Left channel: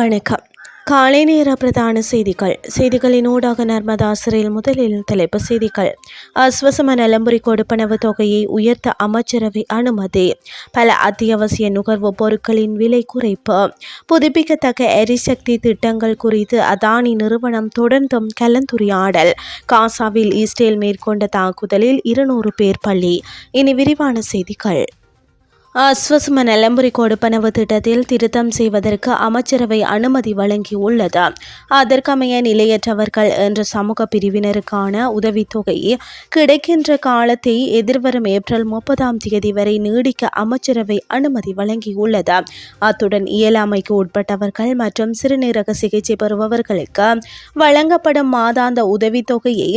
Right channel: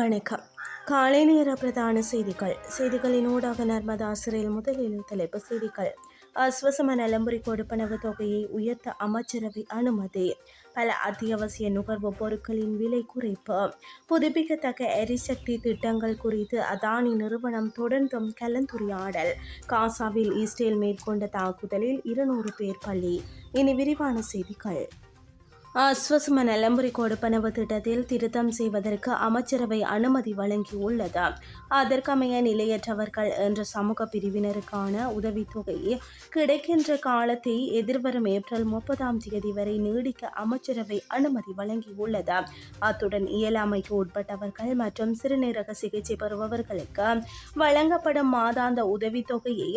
வணக்கம். காலை நேர பிரதான செய்திகள். செய்திகளின் ஊடாக நர்மதா சிறையில் முதலில் தலைப்பு செய்திகள். அஸ்வசம நலம்புரி கொடுப்பனவு தொகையை உயர்த்த அமைச்சரவை அனுமதி. பல அத்தியாவசிய நுகர்வு பொருட்களின் விலை குறைப்பு. புதுப்பிக்கத்தக்க எரிசக்தி திட்டங்கள் குறித்து அதானி நிறுவனம் தொடர்ந்தும் கலந்துரையாடல். காசாவில் இஸ்ரேல் மேற்கொண்ட தாக்குதலில் இருநூறு பேர் பள்ளி இனி விரிவான செய்திகள். அஸ்வசம நிலம்புரி கொடுப்பனவு திட்டத்தில் திருத்தம் செய்வதற்கு அமைச்சரவை அனுமதி வழங்கியுள்ளது. அதற்கமைய நிலையற்றவர்கள் என்ற சமூக பிரிவினருக்கான உதவித்தொகை கிடைக்கின்ற காலத்தை எதிர்வரும் ஏப்ரல் முப்பதாம் தேதி வரை நீடிக்க அமைச்சரவை அனுமதி வழங்கியுள்ளது. அத்துடன் இயலாமைக்கு உட்பட்டவர்கள் மற்றும் சிறுநீரக சிகிச்சை பெறுபவர்களுக்கு வழங்கப்படும் மாதாந்த உதவித்தொகையை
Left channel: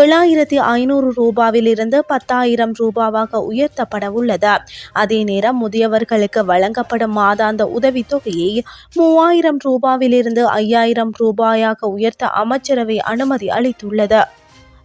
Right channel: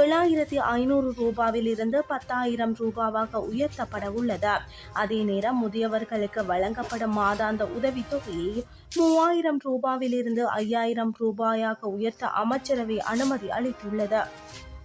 ஏழாயிரத்தி ஐநூறு ரூபாவிலிருந்து பத்தாயிரம் ரூபாவாக உயர்த்தப்பட உள்ளது அதே நேரம் முதியவர்களுக்கு வழங்கப்படும் மாதாந்த உதவித்தொகையை மூவாயிரம் ரூபாவிலிருந்து ஐயாயிரம் ரூபாயாக உயர்த்த அமைச்சரவை அனுமதி அளித்துள்ளது.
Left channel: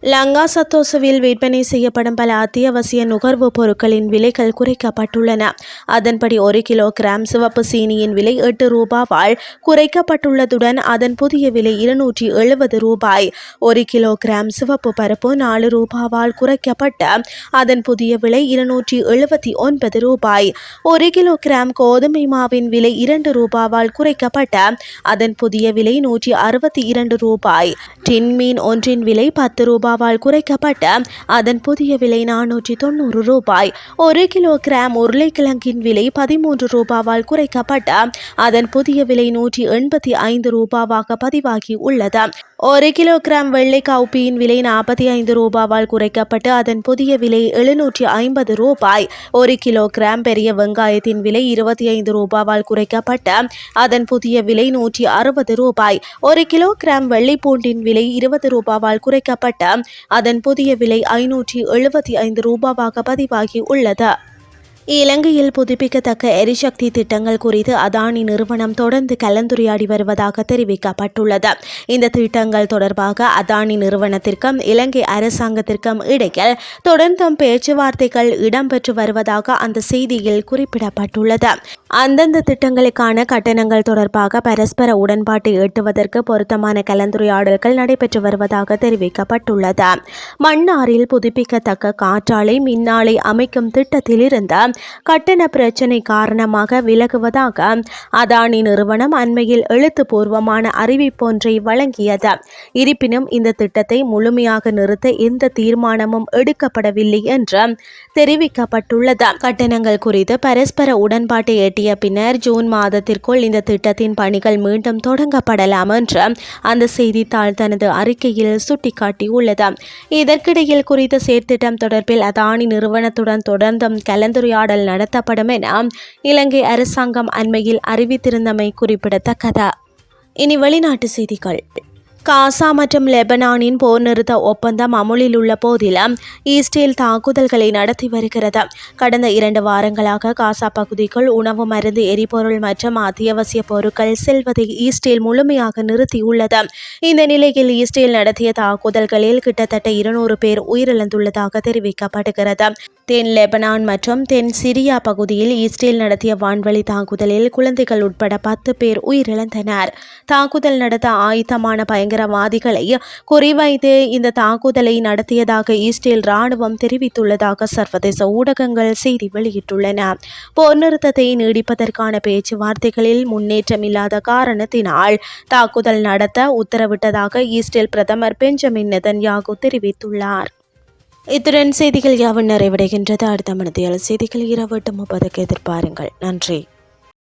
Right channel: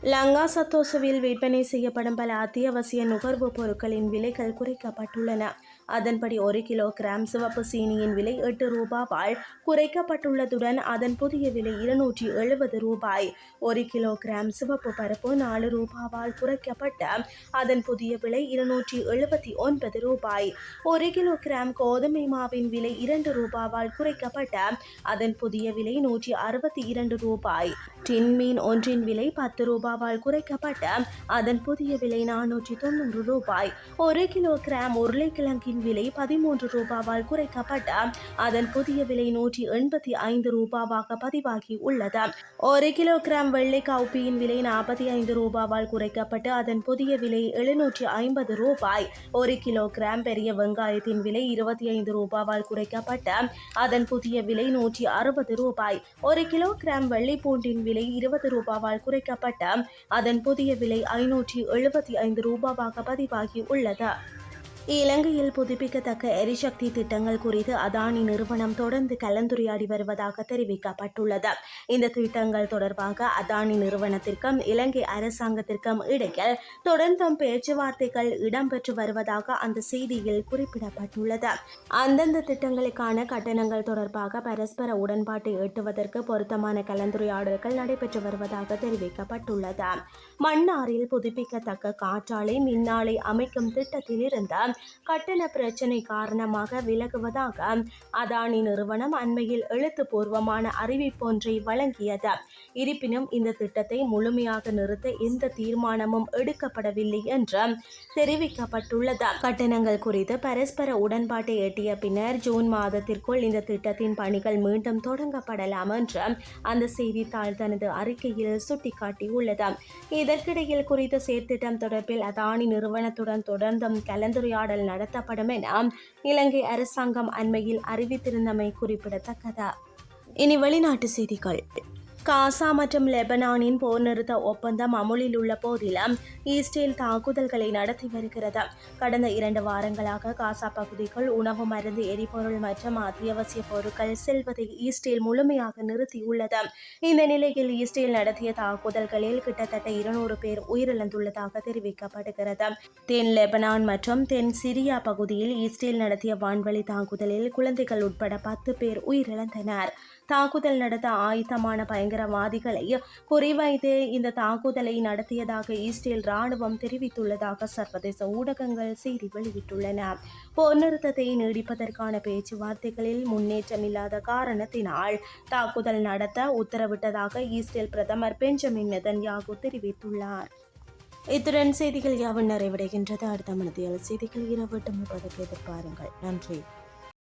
லங்கா சத்தோசுவில் விற்பனை செய்யப்படும் பல அத்தியாவசிய நுகர்வுப் பொருட்களின் விலைகள் குறைக்கப்பட்டுள்ளன. அதன்படி ஒரு கிலோ கிராம் சிவப்பு சீனியின் விலை எட்டு ரூபாவால் குறைக்கப்பட்டுள்ளதுடன் அதன் புதிய விலை இருநூற்றி எழுபது ரூபாய். ஒரு கிலோ கிராம் சிவப்பு பருப்பு நாலு ரூபாவால் குறைக்கப்பட்ட அதன் புதிய விலை இருநூற்றி எழுபத்தி ஒன்பது ரூபாய். ஒரு கிலோ கிராம் கோதுமை மாவின் விலை இரண்டு ரூபாவால் குறைக்கப்பட்ட அதன் புதிய விலை நூற்றி அறுபத்தி இரண்டு ரூபாய். டின்மீன் ஒன்றின் விலை பத்து ரூபாய். ரூபாவால் குறைக்கப்பட்ட அதன் புதிய விலை நானூற்றி தொண்ணூறு ரூபாய். ஒரு கிலோ கிராம் உருளைக்கிழங்கின் விலை பதிமூன்று ரூபாவால் குறைக்கப்பட்ட அதன் புதிய விலை நூற்றி எண்பத்தி ஐந்து ரூபாவாக பதிவாகி உள்ளது. ஒரு கிலோ கிராம் வெள்ளை கவுப்பியின் விலை நாற்பத்தி ஐந்து ரூபாவால் குறைக்கப்பட்டு அதன் புதிய விலை எழுநூற்றி ஐம்பது ரூபாய். ஒரு கிலோ கிராம் பெரிய வெங்காயத்தின் விலை இருபத்தி ஐந்து ரூபாவால் குறைக்கப்பட்ட அதன் புதிய விலை நூற்றி அறுபது ரூபாய். ஒரு கிலோ கிராம் வெள்ளைப்பூண்டின் விலை இருபது ரூபாவால் குறைக்கப்பட்ட அதன் புதிய விலை ஐநூற்றி எழுபத்தி ஐந்து ரூபாவாக பதிவாகி உள்ளது. இலங்கையில் புதுப்பிக்கத்தக்க எரிசக்தி திட்டங்கள் குறித்து அதானி நிறுவனம் தொடர்ந்து கலந்துரையாடி வருவதாக தெரிவிக்கப்பட்டுள்ளது. இந்த திட்டங்கள் தொடர்பாக அதானி நிறுவனத்திற்கும் இலங்கை அரசாங்கத்திற்கும் இடையில் தொடர்ந்தும் பேச்சுவார்த்தைகள் இடம்பெற்று வருவதாக அந்த செய்தியில் குறிப்பிடப்பட்டுள்ளது. அந்தந்த திட்டங்களுக்கான கட்டணங்கள் தொடர்பாக பரஸ்பர உடன்பாட்டை எட்டுவதற்கு பொருத்தமான கலந்துரையாடல்கள் நடைபெற்று வருவதாக தெரிவிக்கப்பட்டுள்ளது. மன்னாரில் புதுப்பிக்கத்தக்க காற்றாலை மின்னாலை அமைக்கும் திட்டத்திலிருந்து கட்டண பிரச்சினை காரணமாக விலகுவதாக அதானி நிறுவனம் அண்மையில் எழுத்துப்பூர்வமான அறிவிப்பொன்றை வழங்கியது. இருப்பினும் இந்த திட்டத்தை முழுமையாக நிறுத்த எந்த தீர்மானமும் எடுக்கப்படவில்லை என்று தெரிவிக்கப்பட்டுள்ளது. கட்டணங்கள் குறித்து பரஸ்பர உடன்பாட்டை எட்டிய பின்னர் ஜூன் மாதத்திற்குள் இந்த திட்டத்தின் பணிகள் மீண்டும் தொடங்கப்படலாம் என்று அந்த செய்தித்தாள் தனது அறிக்கையில் சுட்டிக்காட்டியுள்ளது. இதற்கிடையில் குறித்த செயற்திட்டம் தொடர்பில் அதானி நிறுவனத்துடன் தொடர்ந்தும் கலந்துரையாடல் கலந்துரையாடல் நடத்தப்படும் என இலங்கை அரசாங்கம் அண்மையில் அறிவித்திருந்தமை குறிப்பிடத்தக்கது. இனி வெளிநாட்டு செய்திகள். காசா மற்றும் லெபனானின் போர் நிறுத்த ஒப்பந்தம் அமுலில் உள்ள போதிலும் ஈஸ்டேல் தாக்குதல்களை நடத்தி வருகிறது. கடந்த இரண்டு வாரங்களாக காசா பகுதிக்குள் உணவு மருந்து எரிபொருள் மற்றும் அத்தியாவசிய பொருட்கள் செல்வதை ஈஸ்டேல் முழுமையாக நிறுத்தியுள்ளது. இந்த நிலையில் ஈஸ்டேல் நடத்திய தாக்குதல்களில் கிட்டத்தட்ட இருநூறு பேர் உயிரிழந்துள்ளதாக தெரிவிக்கப்படுகிறது. தென் லெபனான் மற்றும் தென் சிரியா பகுதியில் ஈஸ்டேல் நடத்திய வான்வழி தாக்குதலில் குழந்தைகள் உட்பட பத்து பேர் உயிரிழந்தனர். தாக்குதல் நடத்த ஆயுத்தமான பயங்கர பயங்கரவாதிகளை குறிவைத்து இந்த தாக்குதலை நடத்தியதாக இஸ்ரேல் ராணுவம் தெரிவித்துள்ளதாக சர்வதேச ஊடகங்கள் செய்தி வெளியிட்டுள்ளன. போர் நிறுத்தத்தை நீடிப்பதற்கான பேச்சுவார்த்தைகளில் முன்னேற்றம் இல்லாத காரணத்தினால் தாக்குதல் நடத்த உத்தரவிட்டதாக இஸ்ரேல் பிரதமர் பெஞ்சமின் நெதன்யாகு தெரிவித்துள்ளார். இத்துடன் செய்திகள் யாவும் நிறைவடைகின்றது. அடுத்த மனதியால் செய்திகள் இரவு எட்டு முப்பதுக்கு எதிர்பாருங்கள். நன்றி.